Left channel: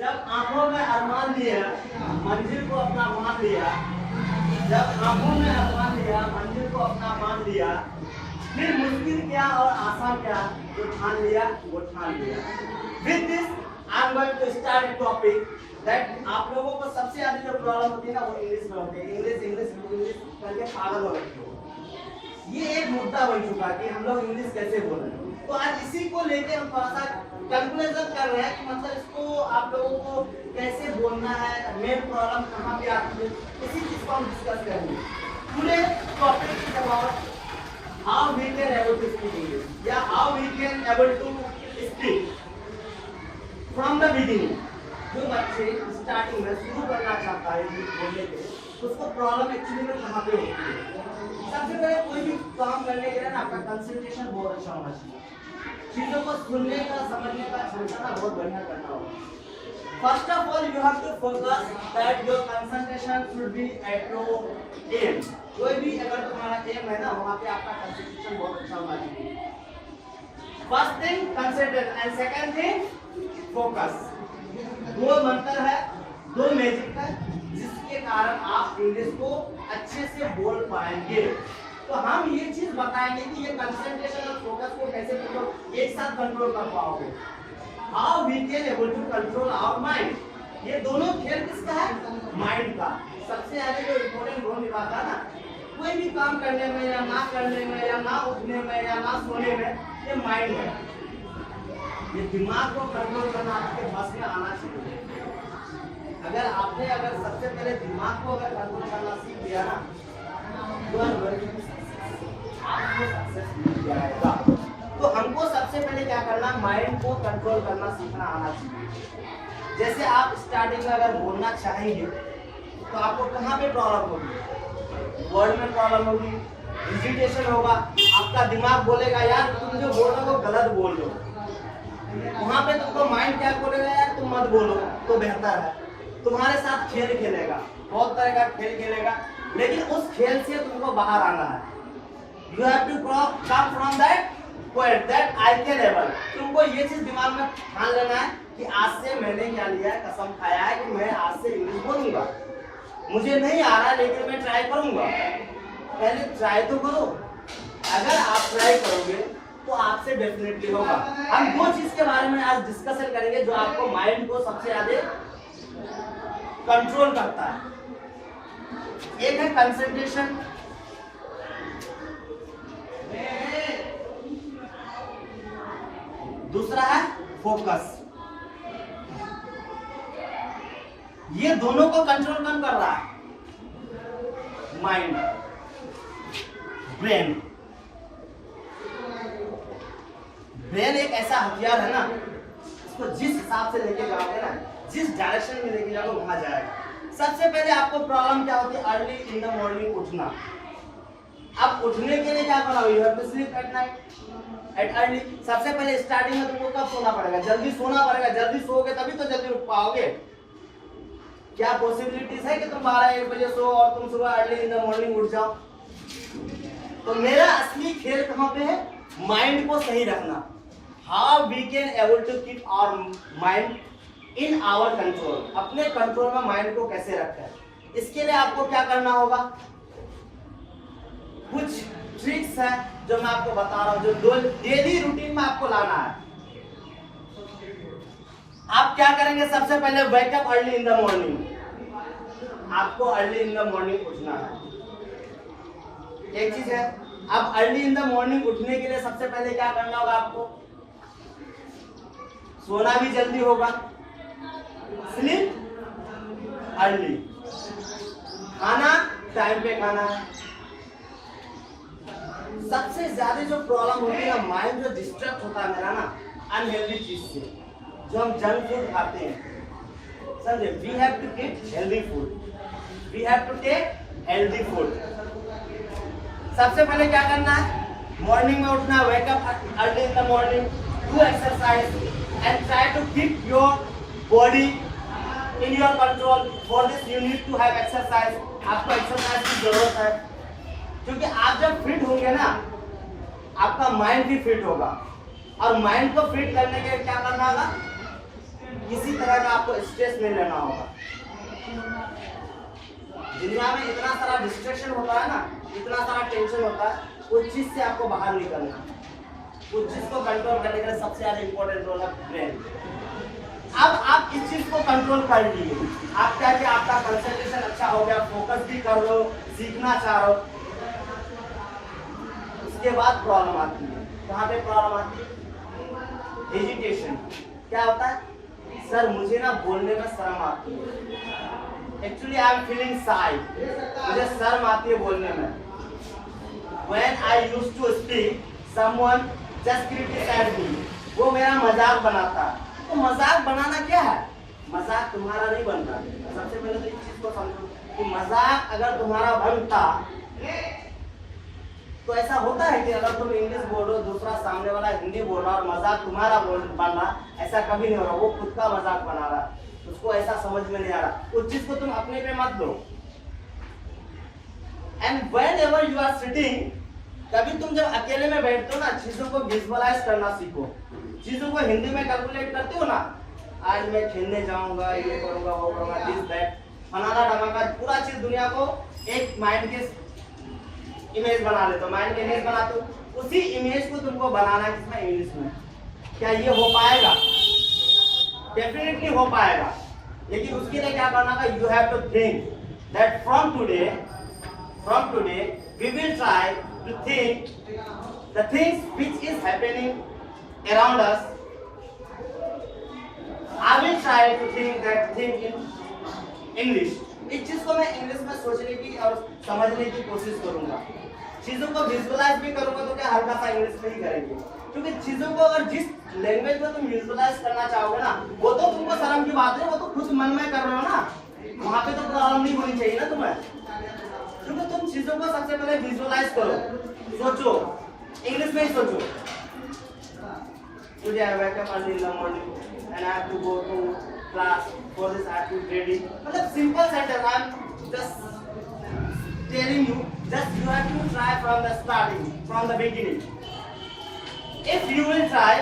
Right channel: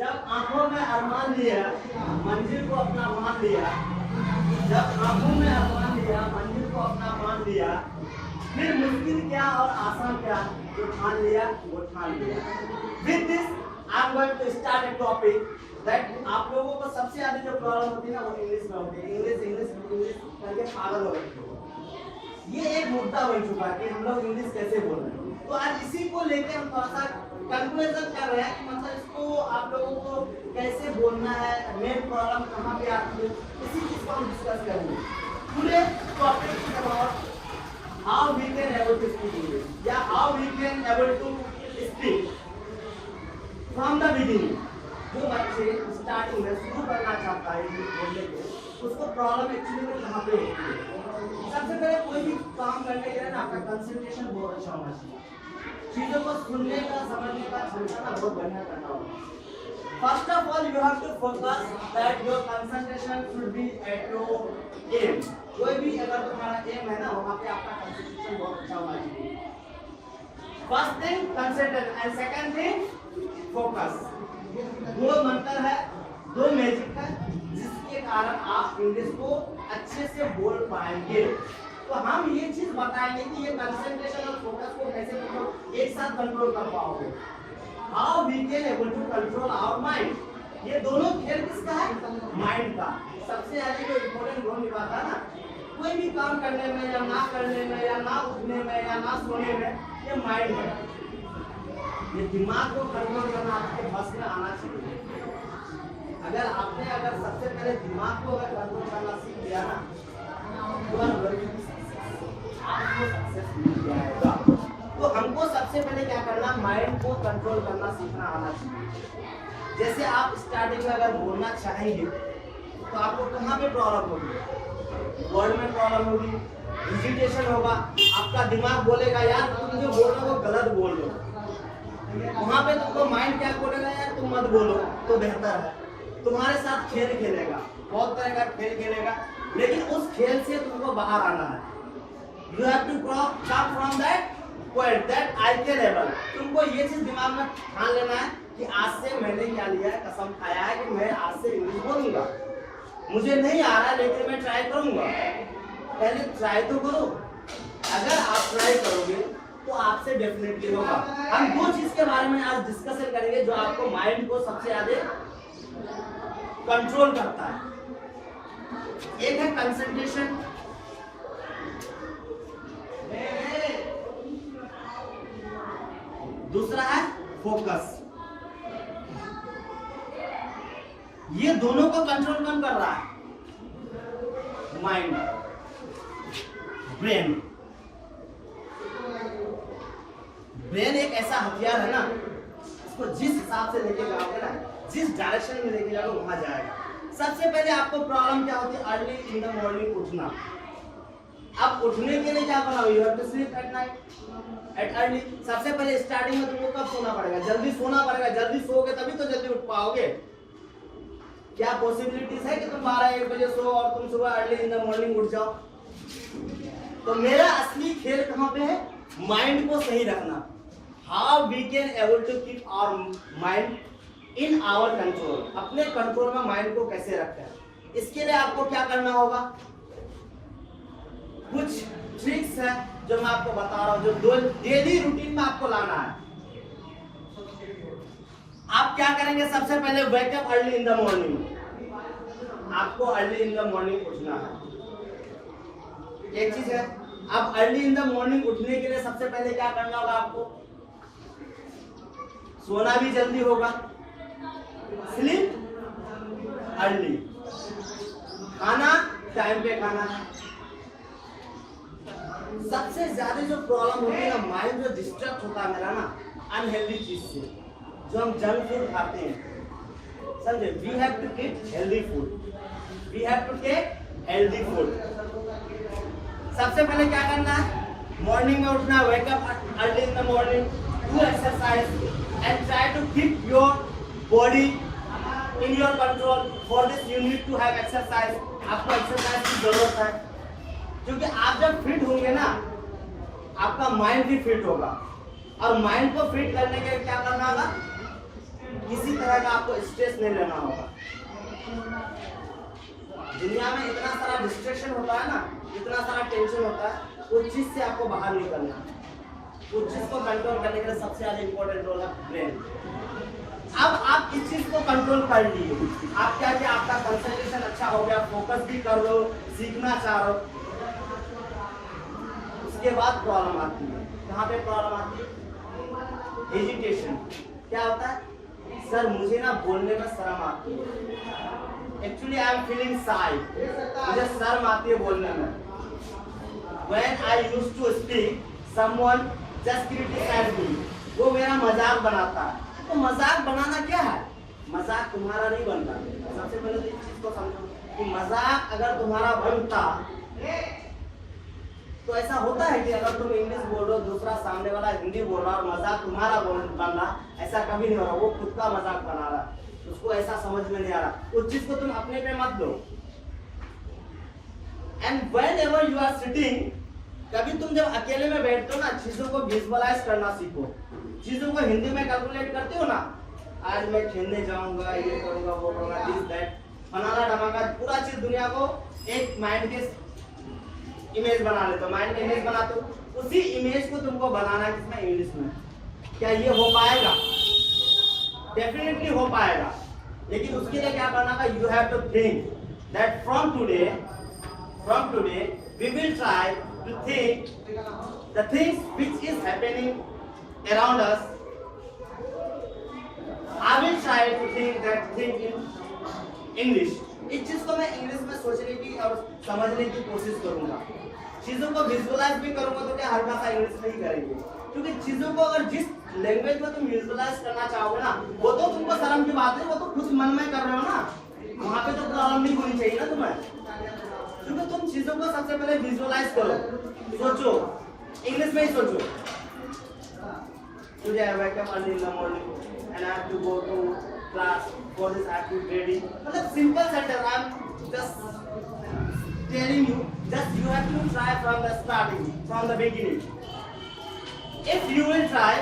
जब आंखों में अरमान लिया, मंजिल को अपना मान लिया, जब आंखों में अरमान लिया, मंजिल को अपना मान लिया, फिर मुश्किल क्या और आसान क्या, जो ठान लिया वो ठान लिया। With this I am going to start a topic that आप लोगों को सबसे ज्यादा जो प्रॉब्लम होती है ना वो इंग्लिश में होती है। इंग्लिश करके पागल हो रखे हो। ये एक मुद्दा बन चुका कि हम लोग इंग्लिश कैसे बोल रहे हैं। तो आज इसी को लेकर हम थोड़ा सा कंक्लूजन कर रहे हैं कि मतलब इसको आप लोगों को कैसे बोलना है, मेन प्रॉब्लम कहाँ पे आती है, इसी चीज को हम डिस्कस करेंगे। Today topic is about how we can able to speak English या how we can able to speak from the beginning. जो बच्चे स्टार्टिंग में शुरू करना चाहता है इंग्लिश बोलने के, उसको प्रॉब्लम एक्चुअली में कहाँ पे होती है। सबसे पहले कोई भी काम करने के लिए ना आपका कंसंट्रेशन बहुत अच्छा होना चाहिए। चीजों को सुनने का, समझने का क्षमता ना बहुत बढ़िया करना होगा। First of all you have to focus that your concentration should be at your aim. कोई भी अगर तुम्हारा एम है ना, वहां पे आपका कंसंट्रेशन बहुत अच्छा होना चाहिए। First thing concentrate and second thing focus. दो मंत्र है, दो मैजिक है जिसके कारण आप इंग्लिश को अच्छे से बोल पाएंगे। तो हम ये चीज बताएंगे कि ये कंसंट्रेशन और फोकस को कैसे तुम लोग एक साथ कंट्रोल कर पाओगे। How we can able to control our mind. ये दोनों खेल किसका है? माइंड का। सबसे आगे जो इम्पोर्टेंट रोल निभाता है ना, कोई भी काम करने में या ना करने में या ना उठने में या ना सोने में, ये माइंड है। ये दिमाग को कंट्रोल करना आपके बस में आना चाहिए। अगर आपने सबसे पहले दिमाग को अगर कंट्रोल करना सीख लिया ना, तो जाएगा। तो हमको सबसे पहले क्या करना, माइंड को कंट्रोल करना सीखना आना चाहिए। जैसे आप स्टार्टिंग में अगर बोलना चाहेंगे तो आपको कहाँ पे प्रॉब्लम होगी? वर्ड में प्रॉब्लम होगी, हेजिटेशन होगा। आपका दिमाग बोलेगा यार तुम जो बोल रहे हो गलत बोल रहे हो। वहां पे तुमको माइंड क्या बोलेगा, यार तुम मत बोलो तो बेहतर है। तुम्हारे साथ खेल खेलेगा, बहुत तरह का खेल खेलेगा, लेकिन उस खेल से तुमको बाहर आना है। You have to come from that point that I can able. तुमको ये चीज दिमाग में ठान लेना है कि आज से मैंने क्या लिया है, कसम खाया है कि मैं आज से इंग्लिश बोलूंगा। मुझे नहीं आ रहा है लेकिन मैं ट्राई करूंगा। पहले ट्राई तो करो। अगर आप ट्राई करोगे तो आपसे डेफिनेटली होगा। हम दो चीज के बारे में आज डिस्कशन करेंगे जो आपको माइंड को सबसे ज्यादा कंट्रोल करता है। एक है कंसंट्रेशन, दूसरा है फोकस। ये दोनों को कंट्रोल कौन कर रहा है? Mind, brain. ब्रेन एक ऐसा हथियार है ना, इसको जिस हिसाब से लेके जाओगे ना, जिस डायरेक्शन में लेके जाओगे वहां जाएगा। सबसे पहले आपको प्रॉब्लम क्या होती है? अर्ली इन द मॉर्निंग उठना। अब उठने के लिए क्या करना? You have to sleep at night at early. सबसे पहले स्टार्टिंग में तुमको कब सोना पड़ेगा? जल्दी सोना पड़ेगा। जल्दी सोओगे तभी तो जल्दी उठ पाओगे। क्या पॉसिबिलिटीज है कि तुम 12-1 बजे सो और तुम सुबह अर्ली इन द मॉर्निंग उठ जाओ? तो मेरा असली खेल कहाँ पे है? माइंड को सही रखना। How we can able to keep our mind in our control. अपने कंट्रोल में माइंड को कैसे रखें, इसके लिए आपको क्या करना होगा? कुछ ट्रिक्स है जो मैं आपको बता रहा हूं, जो डेली रूटीन में आपको लाना है। आप क्या करेंगे? सबसे पहले wake up early in the morning. आपको अर्ली इन द मॉर्निंग उठना है। एक चीज है, आप अर्ली इन द मॉर्निंग उठने के लिए सबसे पहले क्या करना होगा? आपको सोना भी जल्दी होगा, स्लीप अर्ली, खाना टाइम पे खाना। सबसे ज्यादा जो प्रॉब्लम होती है ना, माइंड जो डिस्ट्रैक्ट होता है मेरा ना अनहेल्दी चीज से, जो हम जंक फूड खाते हैं। समझे? We have to take healthy food, we have to take healthy food. सबसे पहले क्या करना है? मॉर्निंग में उठना, wake up early in the morning, do exercise and try to keep your body in your control. For this you need to have exercise. आपको exercise की जरूरत है, क्योंकि आप जब फिट होंगे ना, आपका माइंड भी फिट होगा। और माइंड को फिट करने के लिए क्या करना होगा? किसी तरह का आपको स्ट्रेस नहीं लेना होगा। दुनिया में इतना सारा डिस्ट्रैक्शन होता है ना, इतना सारा टेंशन होता है, उस चीज से आपको बाहर निकलना है। उस चीज को कंट्रोल करने के लिए सबसे ज्यादा इंपॉर्टेंट रोल है ब्रेन। अब आप इस चीज को कंट्रोल कर लीजिए। आप क्या कि आपका कंसंट्रेशन अच्छा हो गया, फोकस भी कर रहे हो, सीखना चाह रहे हो। उसके बाद प्रॉब्लम आती है। कहाँ पे प्रॉब्लम आती है? हेजिटेशन। क्या होता है? सर मुझे ना बोलने में शर्म आती है। एक्चुअली आई एम फीलिंग शाय। मुझे शर्म आती है बोलने में। When I used to speak, someone just criticized me. वो मेरा मजाक बनाता है। तो मजाक बनाना क्या है? मजाक तुम्हारा नहीं बनता। सबसे पहले तो इस चीज को समझो कि मजाक अगर तुम्हारा बनता तो ऐसा होता है कि अगर तुम इंग्लिश बोल रहे हो, दूसरा सामने वाला हिंदी बोल रहा और मजाक तुम्हारा बन रहा, ऐसा कभी नहीं हो रहा। वो खुद का मजाक बना रहा, उसको ऐसा समझ में नहीं आ रहा। उस चीज को तुम अपने पे मत लो। And whenever you are sitting, कभी तुम जब अकेले में बैठते हो ना, चीजों को विजुअलाइज करना सीखो। चीजों को हिंदी में कैलकुलेट करते हो ना, आज मैं खेलने जाऊंगा, ये करूंगा, वो करूंगा, दिस दैट, फलाना ढमाका, पूरा चीज दुनिया को एक माइंड के इमेज बना लेते हो। माइंड के इमेज बनाते हो, उसी इमेज को तुमको बनाना है जिसमें इंग्लिश में। क्या ये हो पाएगा? डेफिनेटली हो पाएगा, लेकिन उसके लिए क्या करना है? You have to think that from today we will try to think the things which is happening around us. I will try to think that thing in English. इस चीज को मैं इंग्लिश में सोचने की और समझने की कोशिश करूंगा। चीजों को विजुअलाइज भी करूंगा तो क्या हल्का सा इंग्लिश में ही करेंगे, क्योंकि चीजों को अगर जिस लैंग्वेज में तुम विजुअलाइज करना चाहोगे ना, वो तो तुमको शर्म की बात है, वो तो खुद मन में कर रहे हो ना, वहां पे तो प्रॉब्लम नहीं होनी चाहिए ना तुम्हें। क्योंकि तुम चीजों को सबसे पहले विजुअलाइज करो, सोचो, इंग्लिश में ही सोचो। Today I wake up early in the morning and I have to go to class. For this I have to be ready. मतलब simple sentence. I am just telling you that you have to try from the starting, from the beginning. If you will try,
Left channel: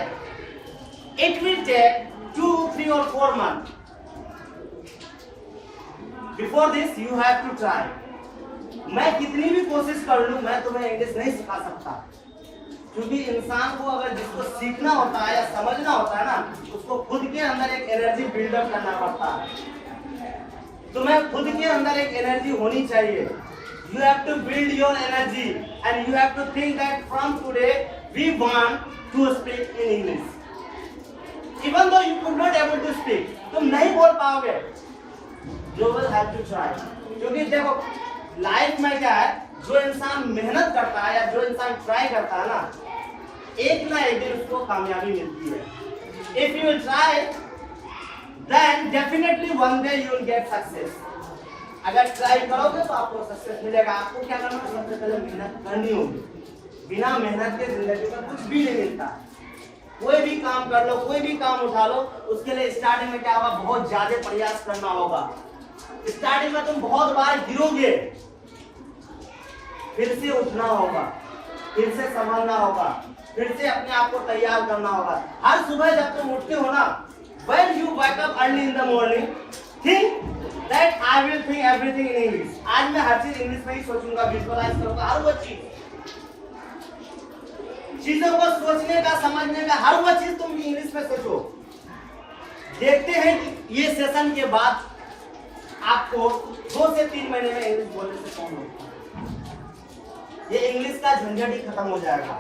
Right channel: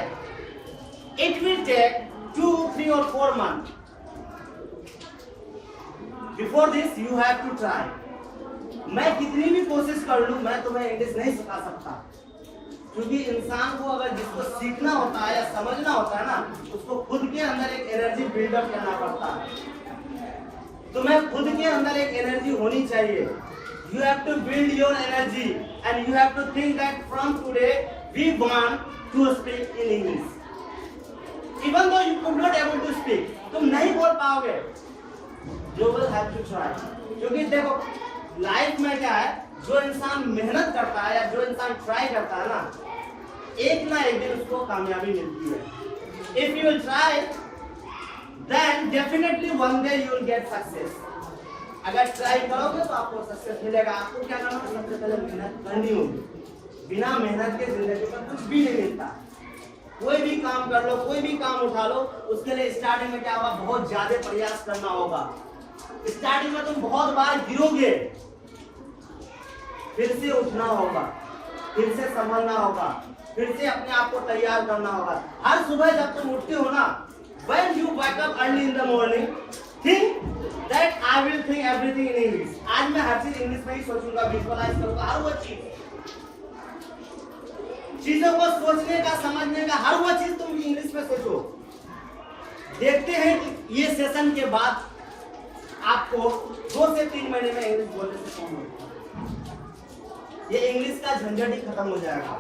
it will take 2, 3 or 4 months. Before this you have to try. मैं कितनी भी कोशिश कर लूं, मैं तुम्हें English नहीं सिखा सकता, क्योंकि इंसान को अगर जिसको सीखना होता है या समझना होता है ना, उसको खुद के अंदर एक एनर्जी बिल्डअप करना पड़ता है। तुम्हें खुद के अंदर एक एनर्जी होनी चाहिए। You have to build your energy and you have to think that from today we want to speak in English. Even though you could not able to speak, तुम नहीं बोल पाओगे, you will have to try. क्योंकि देखो life में क्या है, जो इंसान मेहनत करता है या जो इंसान ट्राई करता है ना, एक ना एक दिन उसको कामयाबी मिलती है। If you try then definitely one day you will get success. अगर ट्राई करोगे तो आपको सक्सेस मिलेगा। आपको क्या करना है? सबसे पहले मेहनत करनी होगी। बिना मेहनत के जिंदगी में कुछ भी नहीं मिलता। कोई भी काम कर लो, कोई भी काम उठा लो, उसके लिए स्टार्टिंग में क्या होगा? बहुत ज्यादा प्रयास करना होगा। स्टार्टिंग में तुम बहुत बार गिरोगे, फिर से उठना होगा, फिर से संभलना होगा, फिर से अपने आप को तैयार करना होगा। हर सुबह जब तुम उठते हो ना, when you wake up early in the morning, think that I will think everything in English. आज मैं हर चीज इंग्लिश में ही सोचूंगा, विजुअलाइज करूंगा, हर वो चीजों को सोचने का, समझने का, हर वो चीज तुम इंग्लिश में सोचो। देखते हैं कि ये सेशन के बाद आपको 2 से 3 महीने में इंग्लिश बोलने से कौन होता है। ये इंग्लिश का झंझट ही खत्म हो जाएगा।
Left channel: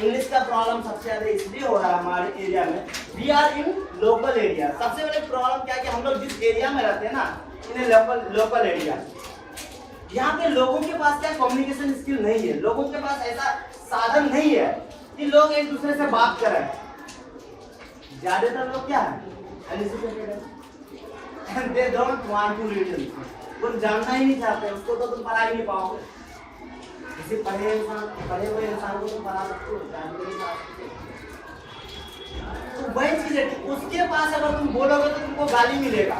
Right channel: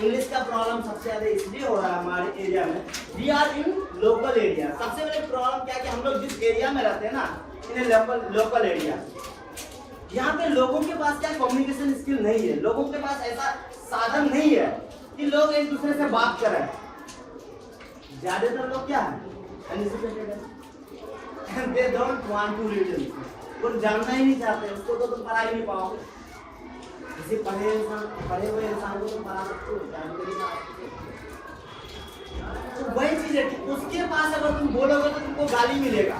इंग्लिश का प्रॉब्लम सबसे ज्यादा इसलिए हो रहा है हमारे एरिया में, we are in local area. सबसे बड़ी प्रॉब्लम क्या है कि हम लोग जिस एरिया में रहते हैं ना, इन लोकल एरिया, यहाँ पे लोगों के पास क्या कम्युनिकेशन स्किल नहीं है। लोगों के पास ऐसा साधन नहीं है कि लोग एक दूसरे से बात करें। ज्यादातर लोग क्या है, they don't want to read। कुछ जानना ही नहीं चाहते, उसको तो तुम पढ़ा ही नहीं पाओगे। किसी पढ़े हुए इंसान को तुम पढ़ा सकते हो, जानते नहीं सकते। तो वही चीज है कि उसके पास अगर तुम बोलोगे तो तुमको गाली मिलेगा,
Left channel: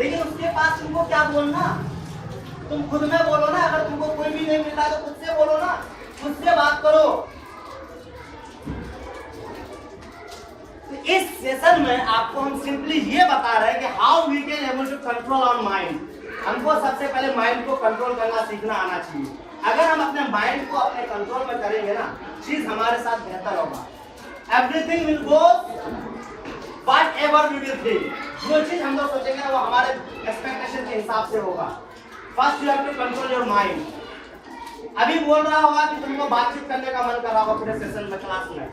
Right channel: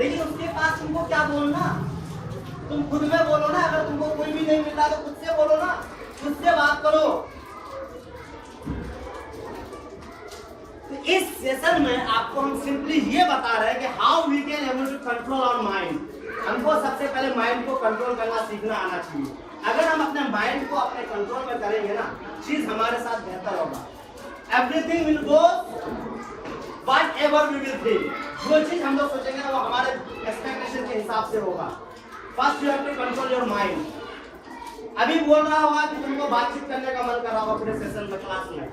लेकिन उसके पास तुमको क्या बोलना, तुम खुद में बोलो ना। अगर तुमको कोई भी नहीं मिला तो खुद से बोलो ना, खुद से बात करो। तो इस सेशन में आपको हम सिंपली ये बता रहे हैं कि how we can able to control on mind. हमको सबसे पहले माइंड को कंट्रोल करना सीखना आना चाहिए। अगर हम अपने माइंड को अपने कंट्रोल में करेंगे ना, चीज हमारे साथ बेहतर होगा। Everything will go whatever we will think. जो चीज हम लोग सोचेंगे ना वो हमारे एक्सपेक्टेशन के हिसाब से होगा। First you have to control your mind. अभी बोल रहा होगा कि तुमको बातचीत करने का मन कर रहा होगा पूरे सेशन में, क्लास में,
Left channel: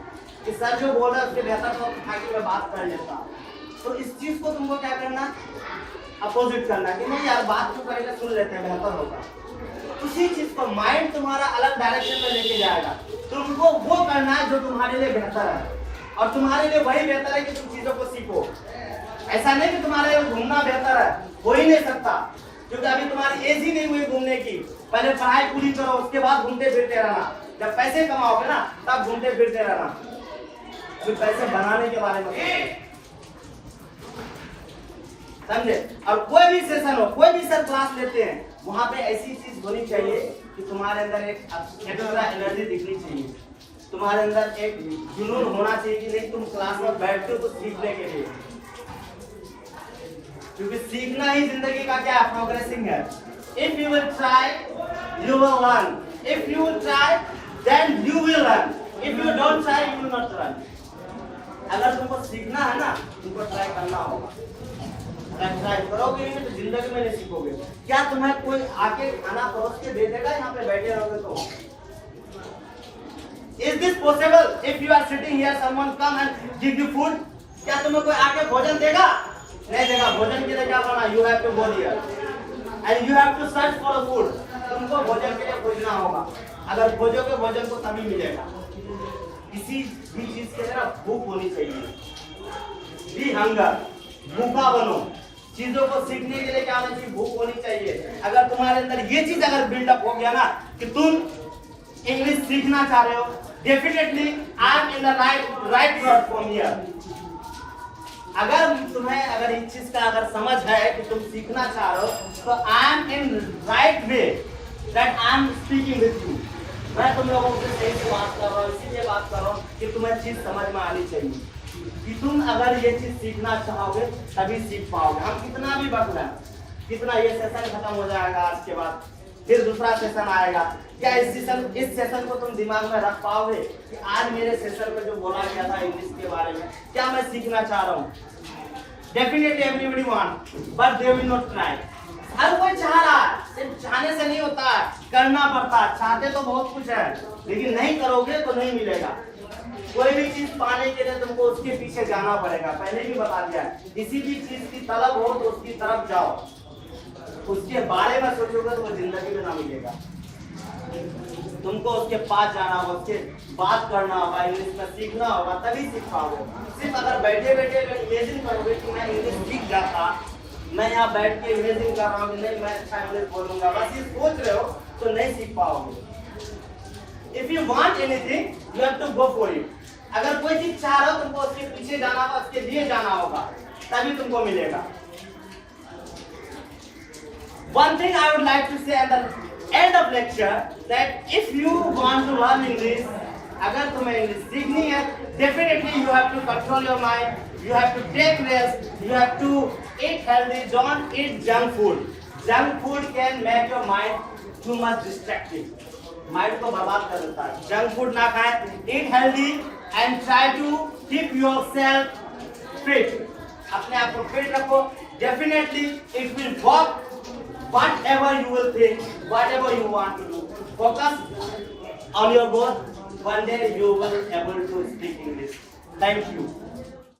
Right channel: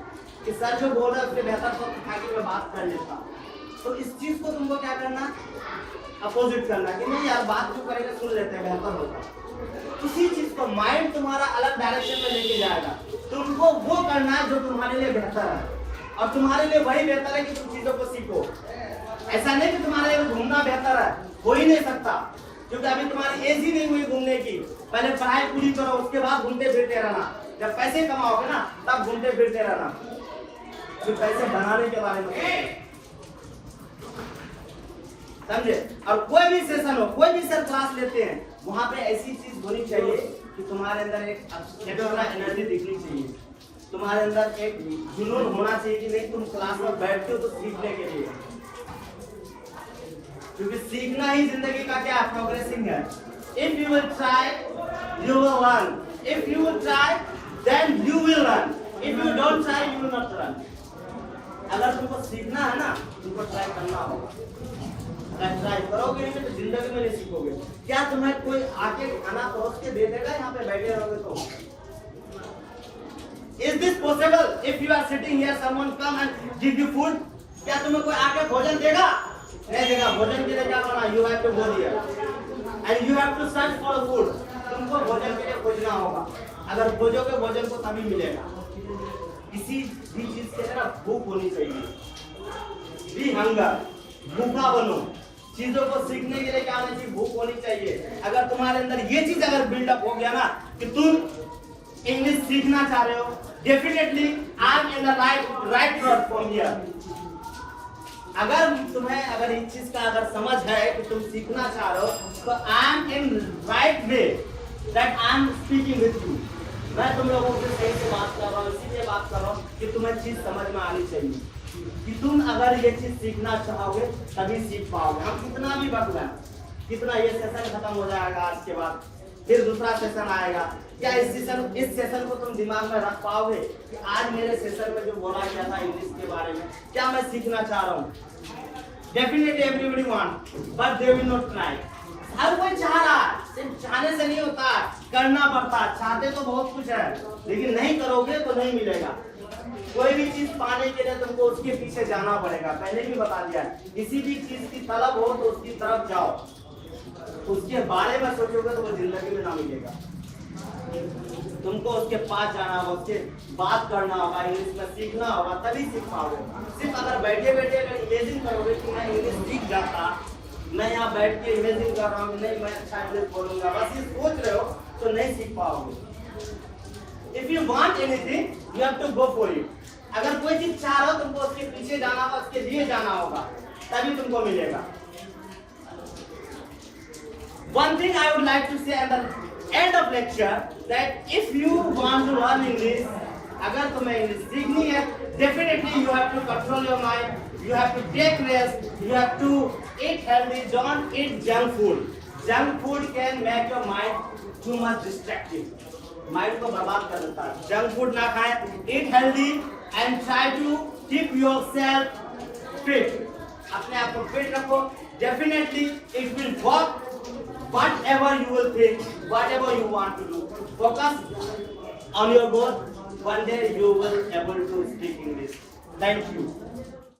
कि सर जो बोल रहा है उसके बेहतर तो उठा के मैं बात कर लेता। तो इस चीज को तुमको क्या करना, अपोजिट करना कि नहीं यार बात तो करेंगे, सुन लेते हैं, बेहतर होगा। उसी चीज को माइंड तुम्हारा अलग डायरेक्शन में लेके जाएगा। तुमको वो करना है जो तुम्हारे लिए बेहतर है, और तुम्हारे लिए वही बेहतर है कि तुम चीजों को सीखो। ऐसा नहीं कि तुम्हारे लिए घूमना बेहतर है, हो ही नहीं सकता, क्योंकि अभी तुम्हारी एज ही नहीं हुई घूमने की। पहले पढ़ाई पूरी करो, उसके बाद घूमते फिरते रहना। जब पैसे कमाओगे ना तब घूमते फिरते रहना, फिर पैसे बनाने के बारे में समझे। और कोई भी सेशन हो, कोई भी सर क्लास लेते हैं, वहां पे ऐसी चीज होनी चाहिए कि तुम्हारे अंदर एक एक्स्ट्रा एनर्जी दिखनी चाहिए, तुम्हारे अंदर एक जुनून होना चाहिए कि नहीं तुम क्लास में बैठते हो तो सीखने के लिए, क्योंकि सीखना ही जिंदगी का क्या प्रोग्रेसिंग है। If you will try you will learn, if you will try then you will learn, if you don't try you will not learn. अगर तुमको सीखना है ना, तुमको ट्राई करना होगा। अगर ट्राई करोगे नहीं तो जिंदगी में नहीं सीखोगे। क्या तुम्हें कोई आके खाना परोस के दे देगा यहाँ पे बैठे रहोगे तो? Is this possible? If you are sitting here, someone come and give you food, क्या तुम्हें कोई आके भोजन देगा? नहीं देगा। भोजन के लिए क्या करना? You have to go there and you have to search for food. तुमको भोजन के लिए खोजना होगा। अगर खोजोगे भोजन को तभी मिलेगा। किसी भी चीज के लिए ना भूख होनी चाहिए। Be hunger, भूखा बनो। चीजों को सीखने के लिए क्या होना चाहिए? भूख होनी चाहिए। अगर तुम्हारे अंदर ये चीज अगर बिल्डअप हो गया ना कि तुम इंग्लिश सीखना चाह रहे हो, definitely I am in the right platform here. अगर इस चीज का अगर समझ है कि तुम सीखना चाह रहे हो, तो I am in right way that I am speaking with you. मैं तुम लोगों से सही से बात कर रहा हूँ, इसीलिए बात कर रहा हूँ कि तुम्हें चीज समझ में आनी चाहिए कि तुम अगर ये चीज सीखना चाहोगे तभी सीख पाओगे। हम कितना भी बदलाएं, कितना ये सेशन खत्म हो जाएगा, आज के बाद फिर दूसरा सेशन आएगा, क्या इस सेशन को तुम दिमाग में रख पाओगे कि आज मेरे सेशन में जो बोला गया था इंग्लिश के बारे में, क्या मैं सीखना चाह रहा हूँ? Definitely everybody want, but they will not try. हर कोई चाह रहा है, सिर्फ चाहने से नहीं होता, करना पड़ता है। चाहते तो बहुत कुछ है, लेकिन नहीं करोगे तो नहीं मिलेगा। कोई भी चीज पाने के लिए तुमको उसके पीछे जाना पड़ेगा। पहले भी बता दिया, किसी भी चीज की तलब हो तो उसकी तरफ जाओ, उसके बारे में सोचोगे तो वो जिंदगी में ना मिलेगा। तुमको उसके पास जाना होगा, उसके बात करना होगा, इंग्लिश में सीखना होगा, तभी सीख पाओगे। सिर्फ अगर बैठे बैठे अगर इमेजिन करोगे कि मैं इंग्लिश सीख जाता, मैं यहाँ बैठ के इमेजिन कर रहा हूँ कि नहीं मैं अच्छा इंग्लिश बोलूंगा, बस ये सोच रहे हो तो नहीं सीख पाओगे। If you want anything, you have to go for it. अगर कोई चीज चाह रहे हो तुमको उसके पीछे जाना होगा, उसके लिए जाना होगा, तभी तुमको मिलेगा। One thing I would like to say at the end of lecture that if you want to learn English, अगर तुम्हें इंग्लिश सीखनी है, definitely you have to control your mind, you have to take rest, you have to eat healthy, don't eat junk food. Junk food can make your mind too much distracted. Mind को बर्बाद कर देता है। Junk food ना खाएं, eat healthy and try to keep yourself fit. अपने आप को फिट रखो, definitely it will work. Whatever you will think, whatever you want to do, focus on your goal. One day you will be able to speak English. Thank you.